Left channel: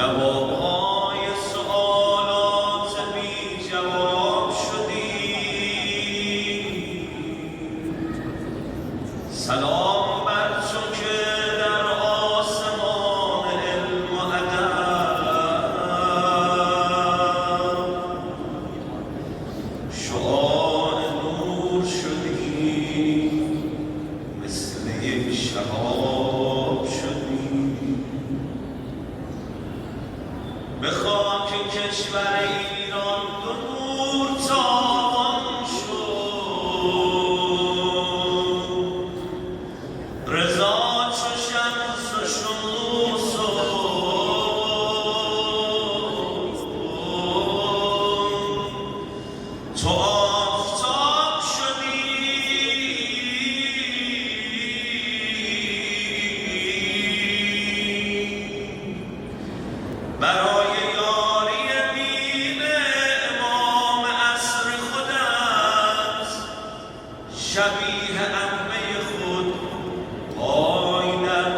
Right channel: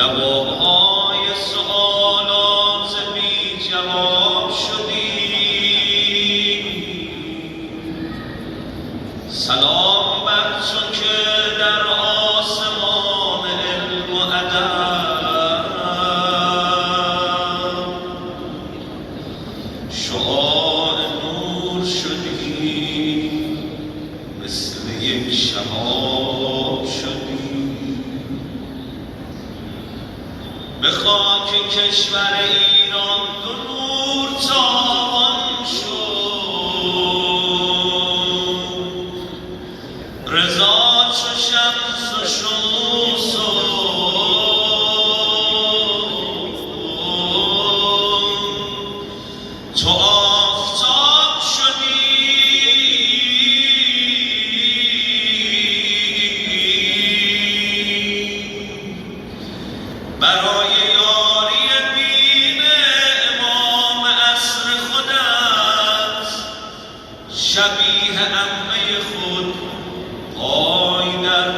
جوابهای سؤالات بی جواب شدی. سلام بر تو که در آسمان علم و ادب شعاع نور شدی، مثل یک شهاب شدی. به خاک کشور ایران دو نور تابان شد، رضا چو شمس و شموس تو آفتاب شدی. برای یاری دین امام عصر خودت شبیه عمه خود پای در